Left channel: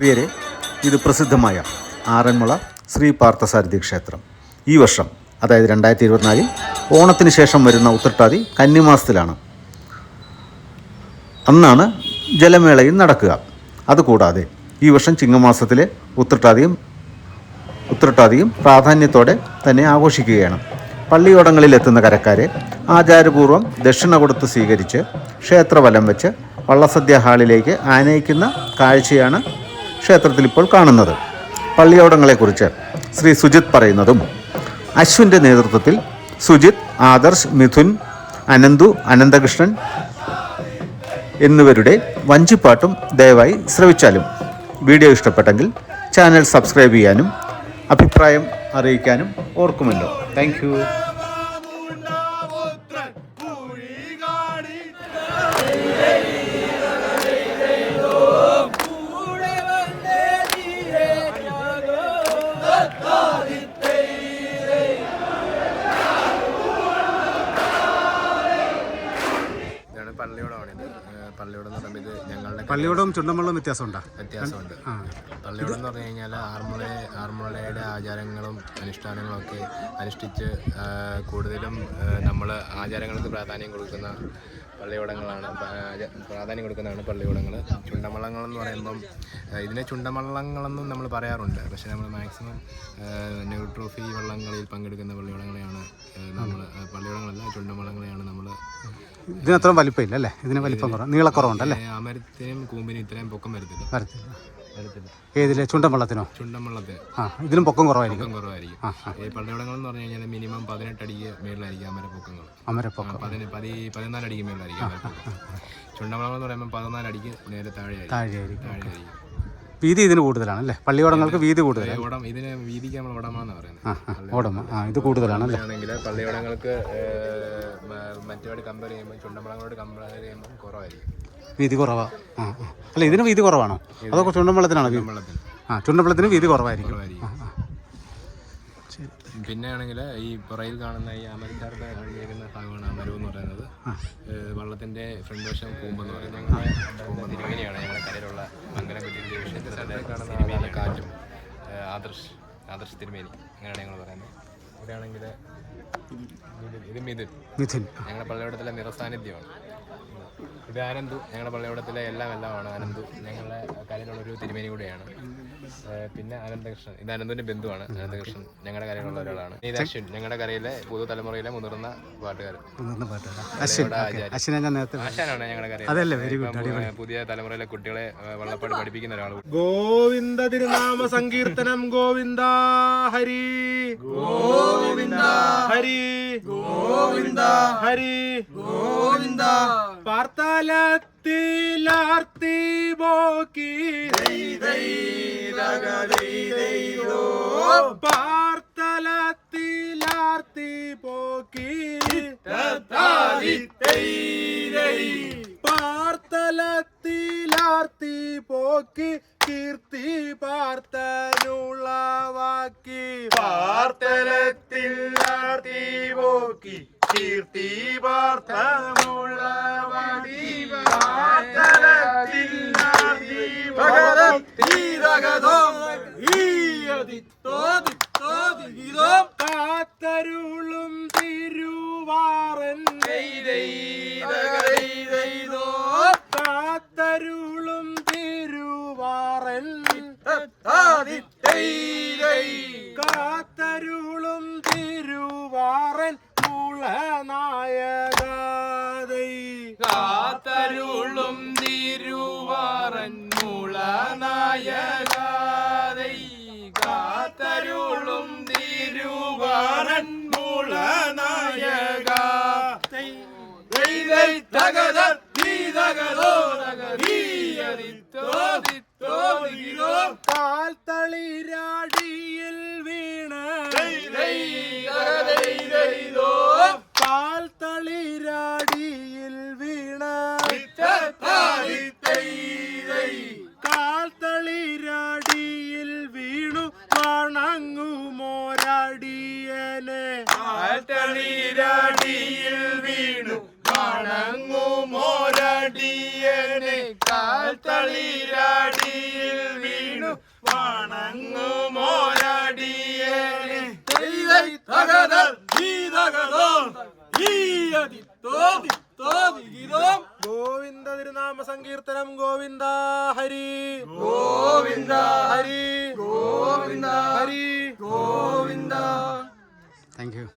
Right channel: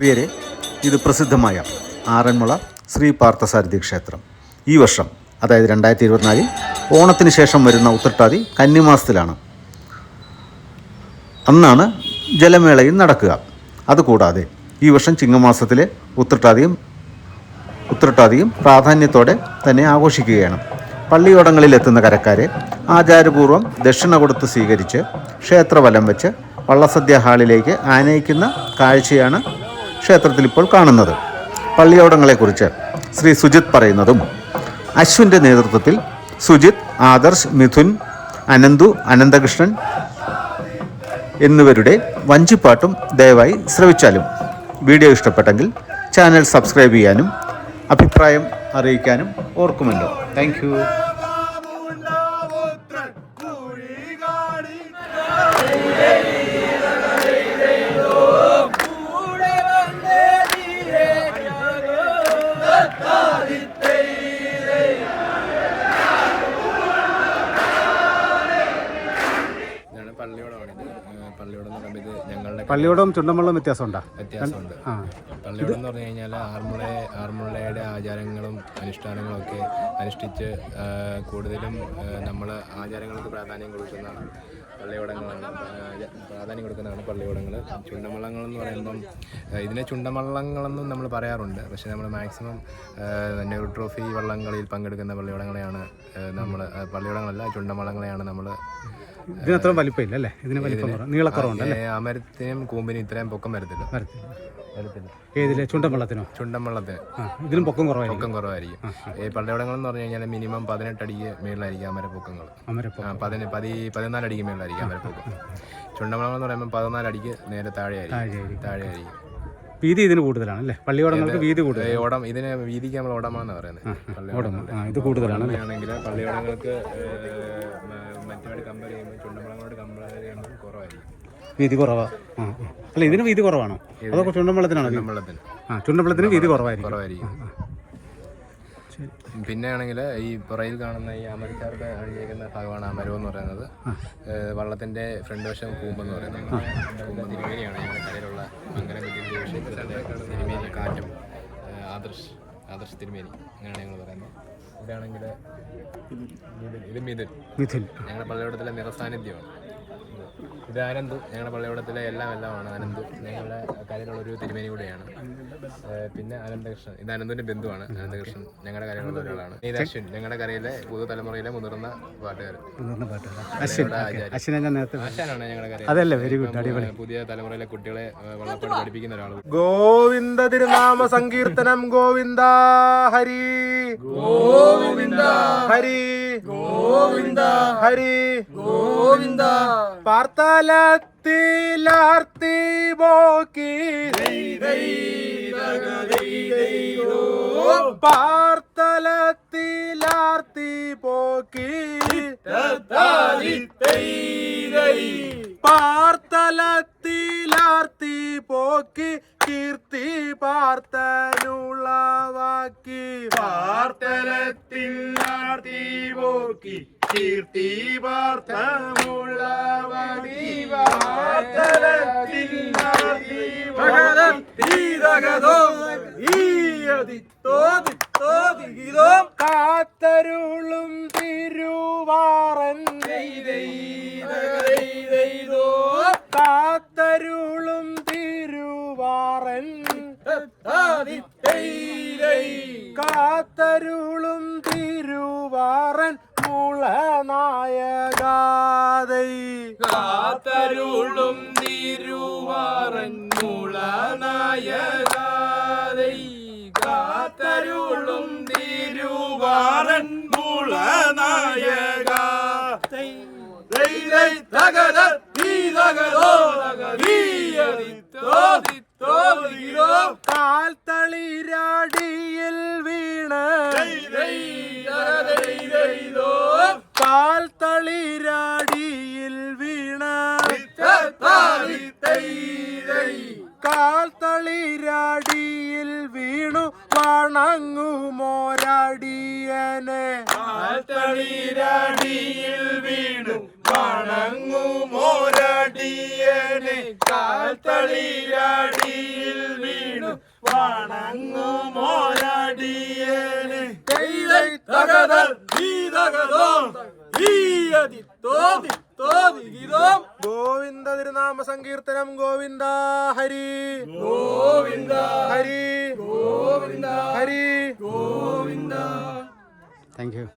പേര് ഇത് പ്രസിദ്ധമായ ആറന്മുള ശ്രീ പാർത്ഥസാരഥി ക്ഷേത്രം. ഈ വർഷം അതായത് രണ്ടായിരത്തി ഇരുപത്തിനാലിൽ ഓണത്തിന് ശേഷം വരുന്ന ഉത്രട്ടാതി കന്നിമാസത്തിലാണ്. അന്നാണ് ജലമേളയും നടക്കുക. അതുകൂടാതെ ഈ വർഷം ചിങ്ങമാസത്തിലെ ഉത്രട്ടാതിയും ഉത്രട്ടാതിയും പ്രാധാന്യത്തോടെ തന്നെ ആഘോഷിക്കുകയാണ്. പള്ളിയോടങ്ങളിൽ എത്തുന്ന കരക്കാരെ ആചാരപൂർവം ദക്ഷിണ കൊടുത്ത് സ്വീകരിച്ച് ക്ഷേത്രവലം വെച്ച് വള്ളസദ്യ ഹാളിലേക്ക് ആനയിക്കുന്ന കാഴ്ചയാണ് ക്ഷേത്രത്തിൽ ഇപ്പോൾ കാണുന്നത്. പള്ളിയോടങ്ങളെക്കുറിച്ച് ശ്രീ സുജിത് പറയുന്നതും അശ്വിന്റെ നേതൃത്വത്തിൽ സുജിത് ആദർശ് മിഥുൻ അനന്തു അനന്തകൃഷ്ണൻ എന്നിവരുടെ വഞ്ചിപ്പാട്ടും ദയവായി ശ്രവിച്ചാലും വീഡിയോ ഇഷ്ടപ്പെട്ടെങ്കിൽ ചാനൽ സബ്സ്ക്രൈബ് ചെയ്യാനും അഭിപ്രായം അറിയിക്കാനും ഓർക്കുമല്ലോ. താങ്ക് ഇതാണ് പള്ളിയോടം എന്ന് പറയുമ്പോൾ ഇത് ഞങ്ങളുടെ പള്ളിയോടവും ചുണ്ടമ്പള്ളവും വ്യത്യാസമുണ്ടോ? വ്യത്യാസമുണ്ട്. പള്ളിയോടം എന്ന് പറഞ്ഞു കഴിഞ്ഞാൽ ആർമുള ആർമുളയുടെ ആചാരങ്ങളും അനുഷ്ഠാനങ്ങളും ഒക്കെ അനുഷ്ഠിച്ച് കൂടുതലും നമ്മൾ ആചാരങ്ങൾക്ക് പ്രാധാന്യം കൊടുക്കുന്ന പള്ളിയോടങ്ങളാണ്. പ്രാധാന്യം കൊടുക്കുന്നതാണ് പള്ളിയോടങ്ങൾ ചുണ്ടമള്ളങ്ങൾ എന്ന് പറയുമ്പം ഇതിനെ ചുണ്ടമള്ളങ്ങളെന്നും നമ്മൾ പറയാറുണ്ട്. പക്ഷേ നമ്മൾ മാക്സിമം നെഹ്റു ട്രോഫി വള്ളംകളിയിൽ പങ്കെടുക്കുന്ന പള്ളിയോടങ്ങളെയാണ് നമ്മൾ പള്ളിയോടങ്ങളല്ല ചുണ്ടമള്ളങ്ങളെയാണ് നമ്മൾ ഇതിനത്ര വലിപ്പമില്ല അല്ലേ? ഇതിന് വലിപ്പം നീളക്കുറവുണ്ടല്ലേ അമരത്തിനും കൂമ്പിനും ഇത്രയും പൊക്കം വരത്തില്ല. വരത്തില്ല. ഏതിലെ? ചുണ്ടമ്പള്ളത്തിനോ ചുണ്ടൻ വള്ളത്തിന് ആ ഇതിലും പൊക്കം കുറവായിരിക്കും. പൊക്കം കുറവായിരിക്കും. ഈ പള്ളിയോടങ്ങൾ എന്ന് പറഞ്ഞു കഴിഞ്ഞാൽ മിനിമം പതിനെട്ട് അടിക്ക് മേളിലായിരിക്കും അമരപ്പൊക്കങ്ങൾ അമരപ്പൊക്കം. പതിന് പതി പതിനാല് അടിക്ക് മേളിലായിരിക്കും. അമരപ്പൊക്കം ചുണ്ടമളങ്ങൾ എന്ന് പറയുമ്പോൾ പതിനാല് അടിക്ക് നേരെ താഴെയായിരിക്കും. താഴെയായിരിക്കും. വീതി ഇതിന് കൂടുതലാണ് അല്ലേ? പള്ളിയോടങ്ങൾക്ക് വീതി കൂടുതൽ ഓടം ഇതിന് വീതിക്ക് നമ്മൾ ഓടമാന്ന് പറയുന്നത്. ഓടമ ഓടം ആ ഇത് കൂടുതലാണ് ആണെങ്കിൽ പള്ളിയോടങ്ങൾക്ക് മറ്റോട് കമ്പയർ ചെയ്യുമ്പോൾ ചുണ്ടമളങ്ങളോട് കമ്പയർ ചെയ്യുമ്പോൾ കുറവായിരിക്കും. വീതി കുറവാ. ആ ആ. അല്ല ഇതിന് വീതി കുറവാണോ? വീതി വെള്ളത്തിന് ആ ചുണ്ടമ്പളത്തിന് വീതി കുറവായിരിക്കും. കുറവായിരിക്കും. പിന്നെ ആണെങ്കിൽ ഈ പുറയിൽ കാണുന്ന ഈ അമരക്കാരുടെ അണിഞ്ഞേക്കുന്ന ഭാഗമാണ് അമരോ എന്ന് പറയുന്നത്. വള്ളത്തിന്റെ ഫ്രണ്ട് വശം കൂമ്പെന്ന് പറയുന്നത്. കൂമ്പ് തിരുമേനിയാണ്. ഞങ്ങളുടെ കരയിലുള്ള അങ്ങനെ തിരുമേനി. കാറ്റും ആദർശ് ആദർശ് തിരുമേനി അങ്ങനെയാണ് ഞങ്ങൾ പറയുന്നത്. ഇവിടെയാണെങ്കിൽ ഇത് മിഥുൻ. മിഥുൻ. ഞങ്ങളുടെ പള്ളിയോടത്തിലെ നിറസാന്നിധ്യമാണ്. ഇത് ആനന്ദു ഞങ്ങളുടെ പള്ളിയോടത്തിലെ എല്ലാം എല്ലാമാണ് ആനന്ദു ഞങ്ങളുടെ കാര്യങ്ങളുടെ ഒരു തിരുമേനി കൂടെയാണ്. പിന്നെ അനന്തകൃഷ്ണൻ. ഇത് അനന്തുവിന്റെ ബന്ധുവാണ്. അനന്തകൃഷ്ണൻ. ഞങ്ങളുടെ കാര്യങ്ങളുടെ ഒരാളാണ് ഇത് അശ്വിൻ ഞങ്ങളുടെ കരയിലെ പുതുതലമുറയിലെ മുതിർന്ന പാട്ടുകാർ മുതിർന്ന ആശാനാണ് ഞങ്ങളുടെ കരയിൽ അതല്ലേ വെരി ഗുഡ് അടിപൊളി. പുതിയ തലമുറയിലെ കുട്ടികളെ വള്ളപ്പാട് പഠിപ്പിക്കുന്ന ഒരാൾ ഗോവിന്ദ തിരുനാമ സങ്കീർത്തനം ഗോവിന്ദ ഹരി. ഗോവിന്ദ ഹരി. ഗോവിന്ദ ഹരി. ഗോവിന്ദ പാർത്തലത്തിലാർത്തി പോക്കി പാർത്തലത്തിലാർത്തി പോക്കി പാർത്തലത്തിലാർത്തി പോക്കി കീർത്തി പാർത്തനുളവാക്കി പാർത്തലത്തിലാർത്തി പോക്കി കീർത്തി പാർത്തനുളവാക്കി കാത്തരുളും തിരുവാറൻ കാത്തരുളും തിരുവാറൻ കാത്തരുളും തിരുവാറൻ മുളനായകാതൈ കാത്തരുളും തിരുവാറൻ മുളനായകാതൈ. കാത്തരുളും തിരുവാറൻ മുളനായകാതൈ കാൽത്തളിരാടിയിൽ കാൽത്തളിരാടിയിൽ വീണു വണങ്ങുമോരടിയനെ കാൽത്തളിരാടിയിൽ വീണു വണങ്ങുമോരടിയനെ അടിയനെ കാൽത്തളിരടിയിൽ വീണു വണങ്ങുമോരാടിയനെ തകതൽ ഈ തകതോ ഈ അതി തോതി തോതി ഗീതം സങ്കീർത്തനം Govinda Hari. Govinda Hari. Govinda Hari. Govinda thank you